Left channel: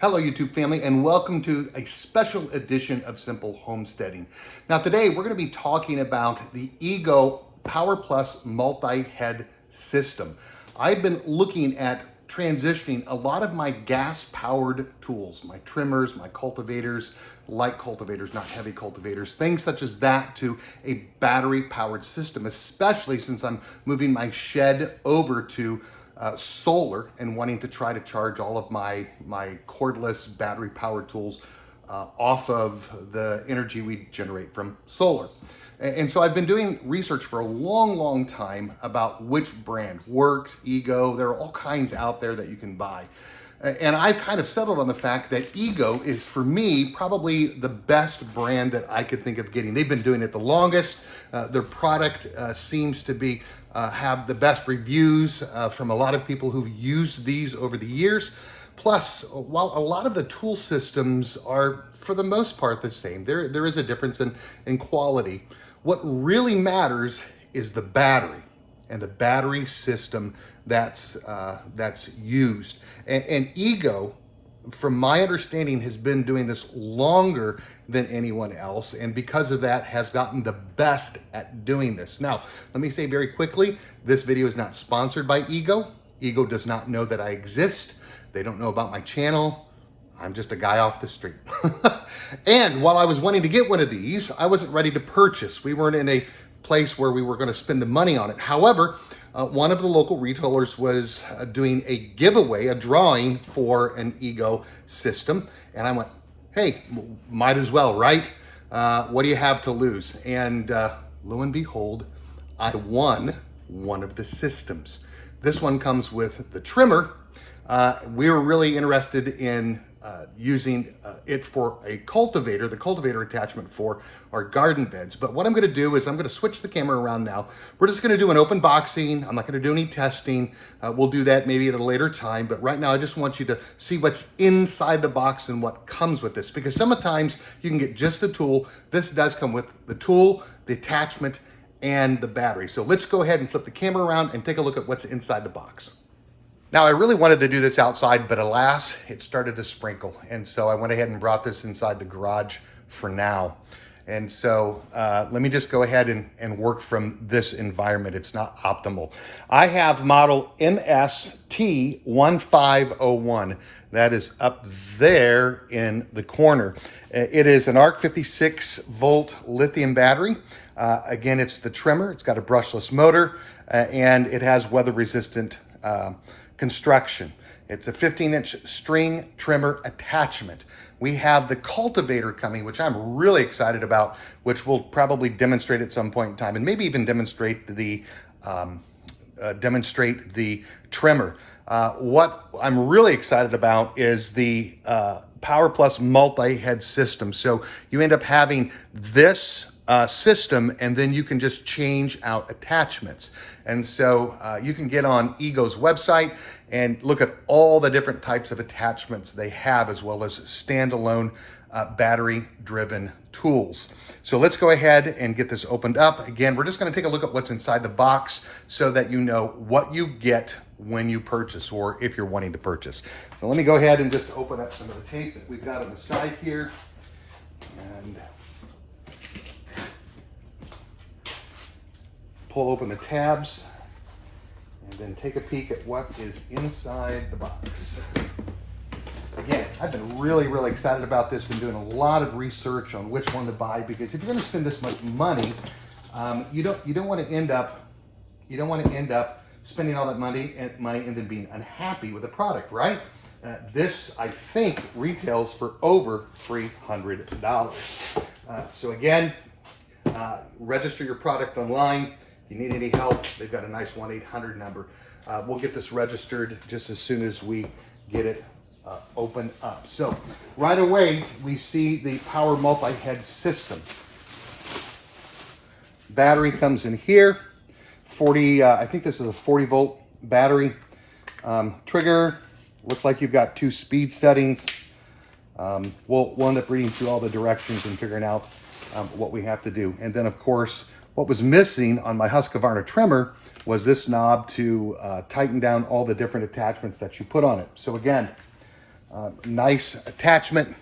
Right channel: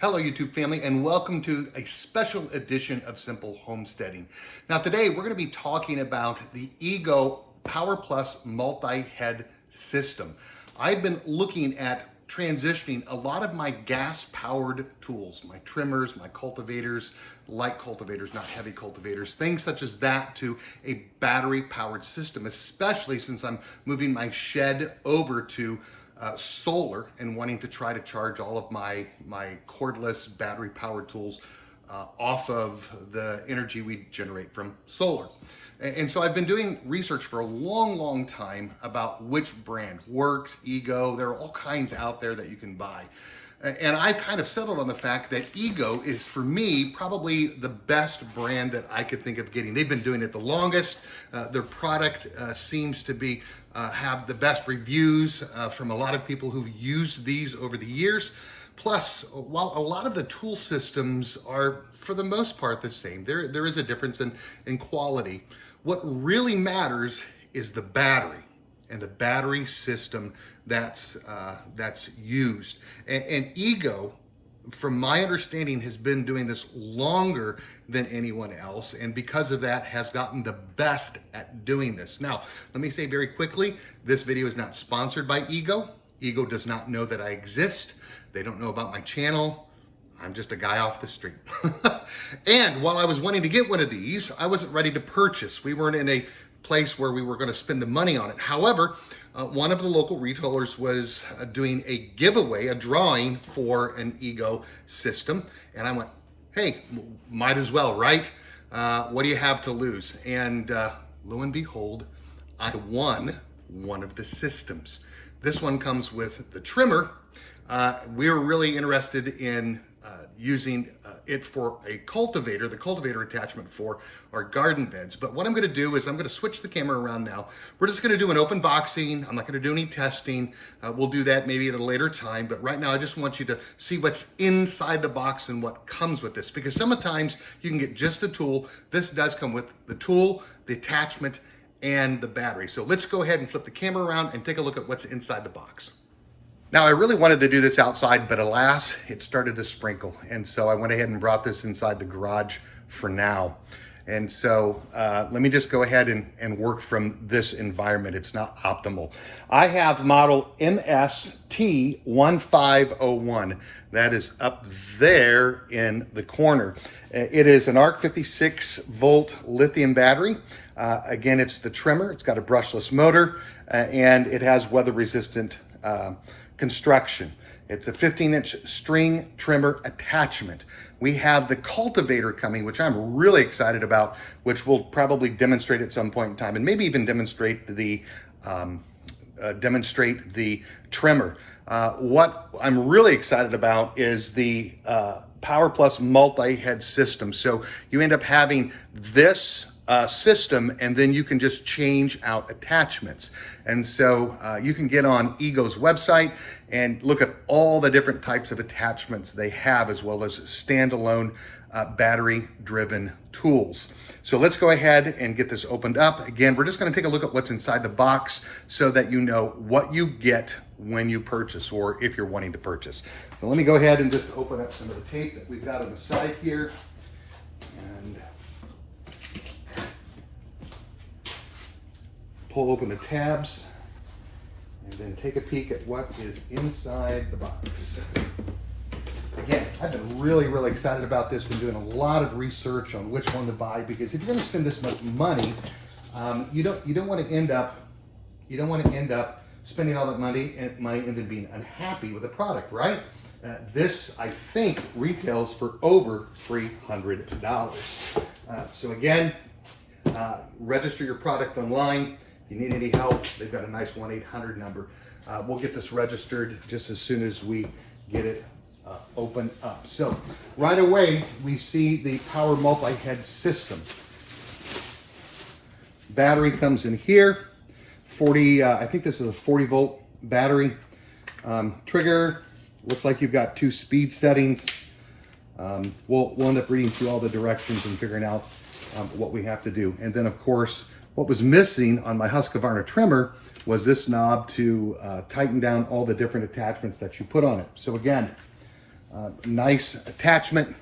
Hello YouTube family, and welcome to a special edition of Simple Homesteading. Now today we're going to be talking about the EGO Power Plus multi-head system. I've been looking at transitioning a lot of my gas-powered tools, my trimmers, my cultivators, light cultivators, not heavy cultivators, things such as that, to a battery-powered system, especially since I'm moving my shed over to solar and wanting to try to charge all of my cordless battery powered tools off of the energy we generate from solar. And so I've been doing research for a long time about which brand works, EGO. There are all kinds out there that you can buy. And I've kind of settled on the fact that EGO is, for me, probably the best brand that I could think of getting. They've been doing it the longest. Their product seems to be have the best reviews from a lot of people who've used these over the years. Plus, while a lot of the tool systems are, for the most part, the same, there is a difference in quality. What really matters is the battery and the battery system that's used. And EGO, from my understanding, has been doing this longer than anyone else, and because of that has gotten the best at doing this. Now, let me say very quickly, this video is not sponsored by EGO. EGO does not know that I exist. They don't know about my channel. I'm just a guy off the street. And while I was wanting to get one of these, I wasn't ready to purchase. We weren't in a place where we were going to spend the money on it. However, one of the local retailers was doing a giveaway, a drawing for an EGO system. And I went, hey, might as well, right? What do you have to lose? And lo and behold, I won one of the systems. This one comes with the trimmer. We were really interested in using it for a cultivator, the cultivator attachment for our garden beds. But what I'm going to do is I'm going to switch the camera around now. We're just going to do an open boxing. I'm not going to do any testing. We'll do that maybe at a later time. But right now I just want you to see what's inside the box and what comes with this. Because sometimes you can get just the tool. This does come with the tool, the attachment, and the battery. So let's go ahead and flip the camera around and take a look at what's inside the box. Now, I really wanted to do this outside, but alas, it started to sprinkle. And so I went ahead and brought this inside the garage for now. And so let me just go ahead and work from this environment. It's not optimal. I have model MST1501. That is up there in the corner. It is an ARC 56 volt lithium battery. Again, it's the trimmer. It's got a brushless motor and it has weather resistant construction. It's a 15-inch string trimmer attachment. We have the cultivator coming, which I'm really excited about, which we'll probably demonstrate at some point in time, and maybe even demonstrate the trimmer. What I'm really excited about is the Power Plus multi-head system. So you end up having this system, and then you can just change out attachments. And so you can get on EGO's website and look at all the different types of attachments they have, as well as standalone battery-driven tools. So let's go ahead and get this opened up. Again, we're just going to take a look at what's inside the box so that you know what you get when you purchase, or if you're wanting to purchase. So let me go ahead and just open up some of the tape that we've got on the side here. And pull open the tabs and then take a peek at what is inside the box. Again, I've been really excited about this. Been doing a lot of research on which one to buy, because if you're going to spend this much money, you don't want to end up spending all that money and then being unhappy with the product, right? This, I think, retails for over $300. So again, register your product online. If you need any help, they've got a nice 1-800 number. We'll get this registered just as soon as we get it opened up. So right away, we see the Power multi-head system. Battery comes in here. 40, I think this is a 40 volt battery. Trigger, looks like you've got 2 speed settings. We'll end up reading through all the directions and figuring out what we have to do. And then of course, what was missing on my Husqvarna trimmer was this knob to tighten down all the different attachments that you put on it. So again, Nice attachment,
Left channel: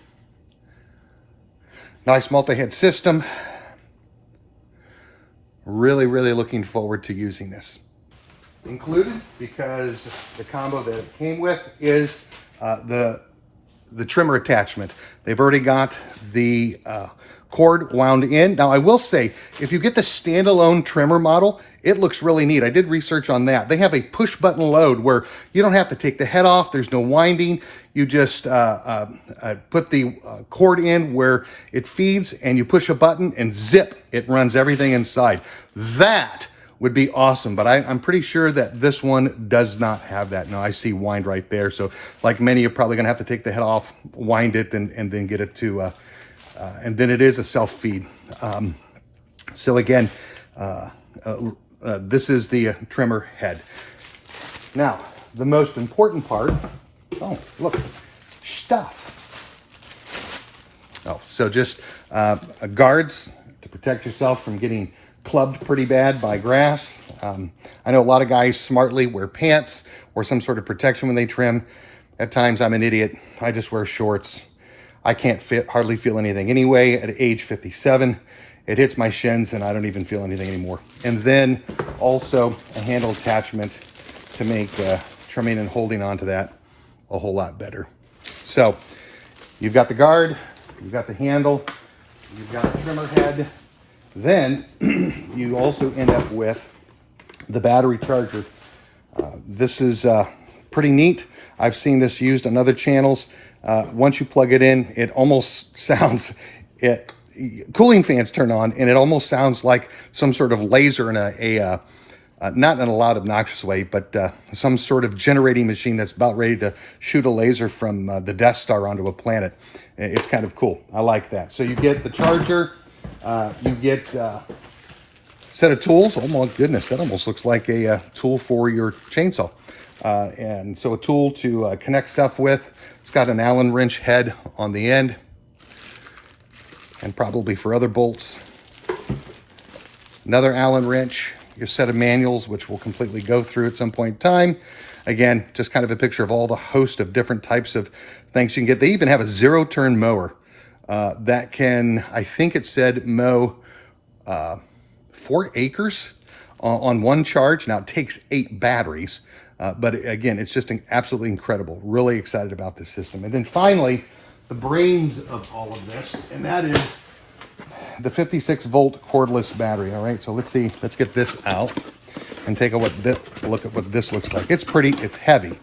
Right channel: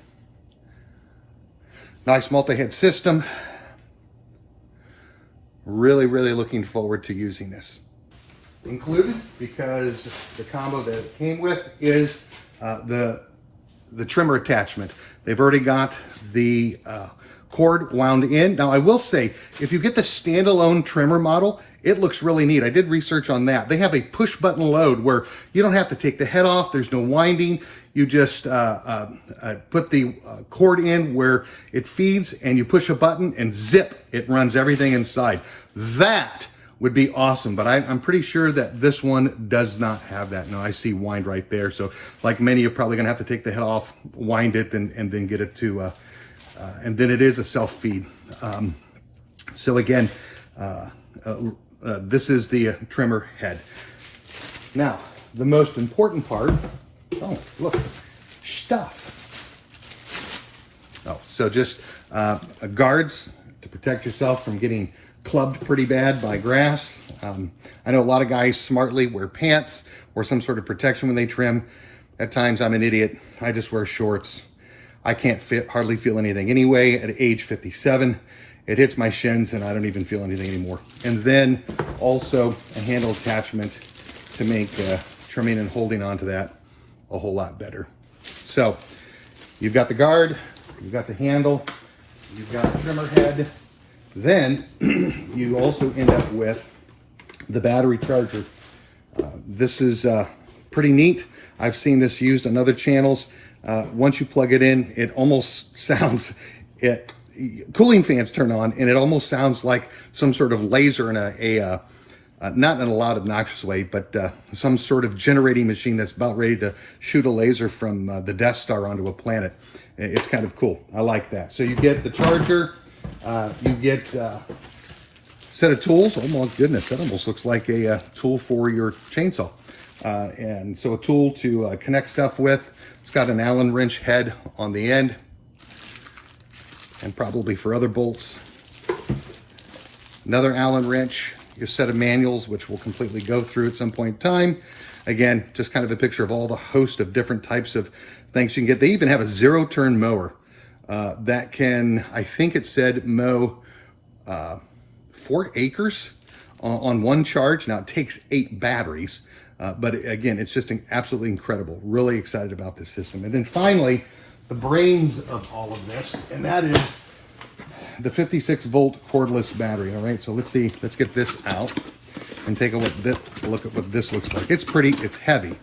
nice multi-head system. Really, really looking forward to using this. Included, because the combo that it came with, is the trimmer attachment. They've already got the cord wound in. Now I will say, if you get the standalone trimmer model, it looks really neat. I did research on that. They have a push button load where you don't have to take the head off. There's no winding. You just put the cord in where it feeds and you push a button and zip, it runs everything inside. That would be awesome, but I'm pretty sure that this one does not have that. Now I see wind right there. So like many, you're probably gonna have to take the head off, wind it, and then get it to, and then it is a self-feed. So again, this is the trimmer head. Now, the most important part, oh, look, stuff. Oh, so just guards to protect yourself from getting clubbed pretty bad by grass. I know a lot of guys smartly wear pants or some sort of protection when they trim. At times I'm an idiot. I just wear shorts. I can't hardly feel anything anyway. At age 57, it hits my shins and I don't even feel anything anymore. And then also a handle attachment to make trimming and holding onto that a whole lot better. So you've got the guard, you've got the handle, you've got the trimmer head. Then you also end up with the battery charger. This is pretty neat. I've seen this used on other channels. Once you plug it in, it almost sounds, cooling fans turn on and it almost sounds like some sort of laser in a not in a loud obnoxious way, but some sort of generating machine that's about ready to shoot a laser from the Death Star onto a planet. It's kind of cool. I like that. So you get the charger, you get a set of tools. Oh my goodness, that almost looks like a tool for your chainsaw. And so a tool to connect stuff with. It's got an Allen wrench head on the end, and probably for other bolts. Another Allen wrench, your set of manuals, which we'll completely go through at some point in time. Again, just kind of a picture of all the host of different types of things you can get. They even have a zero-turn mower that can, I think it said, mow 4 acres on one charge. Now it takes 8 batteries, but again, it's just absolutely incredible. Really excited about this system. And then finally, the brains of all of this, and that is the 56-volt cordless battery. All right, so let's see, let's get this out and take a look at what this looks like. It's heavy.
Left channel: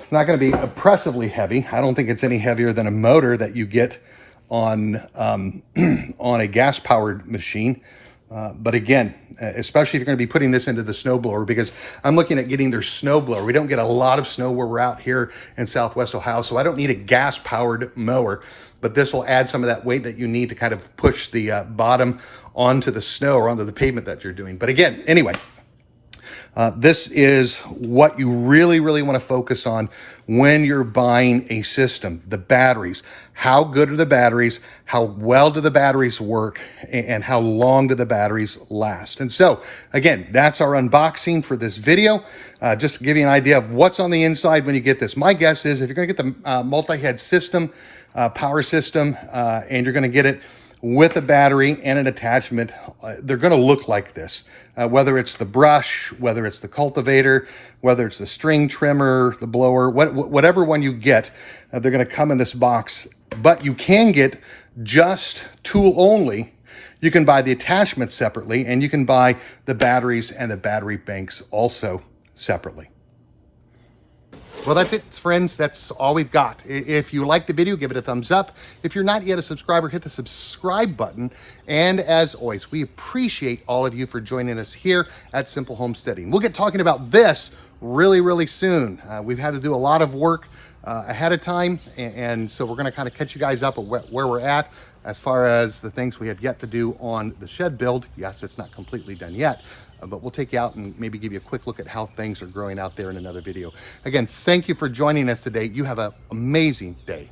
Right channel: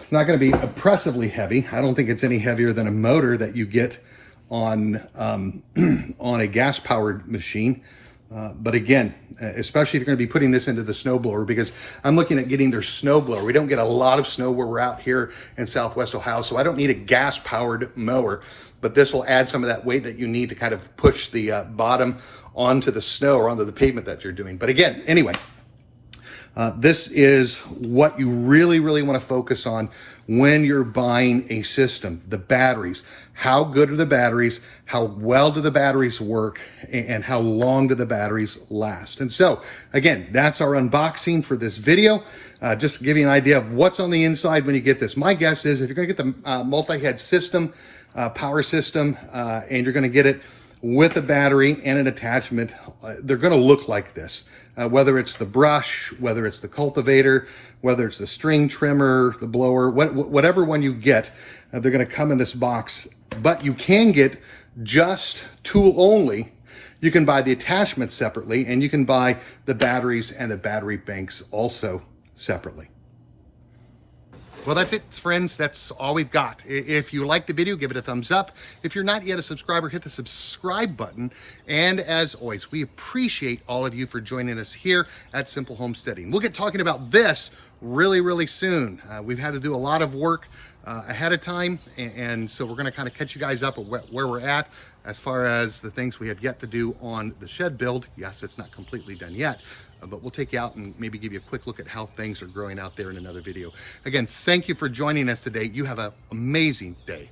It's not going to be oppressively heavy. I don't think it's any heavier than a motor that you get on on a gas-powered machine. But again, especially if you're going to be putting this into the snowblower, because I'm looking at getting their snowblower. We don't get a lot of snow where we're out here in Southwest Ohio, so I don't need a gas-powered mower. But this will add some of that weight that you need to kind of push the bottom onto the snow or onto the pavement that you're doing. But again, anyway, this is what you really, really want to focus on when you're buying a system. The batteries. How good are the batteries? How well do the batteries work? And how long do the batteries last? And so, again, that's our unboxing for this video. Just to give you an idea of what's on the inside when you get this. My guess is if you're going to get the multi-head system, power system, and you're going to get it with a battery and an attachment, they're going to look like this. Whether it's the brush, whether it's the cultivator, whether it's the string trimmer, the blower, whatever one you get, they're going to come in this box. But you can get just tool only. You can buy the attachment separately, and you can buy the batteries and the battery banks also separately. Well, that's it, friends. That's all we've got. If you like the video, give it a thumbs up. If you're not yet a subscriber, hit the subscribe button. And as always, we appreciate all of you for joining us here at Simple Homesteading. We'll get talking about this really, really soon. We've had to do a lot of work ahead of time, and so we're going to kind of catch you guys up at where we're at as far as the things we have yet to do on the shed build. Yes, it's not completely done yet, but we'll take you out and maybe give you a quick look at how things are growing out there in another video. Again, thank you for joining us today. You have an amazing day.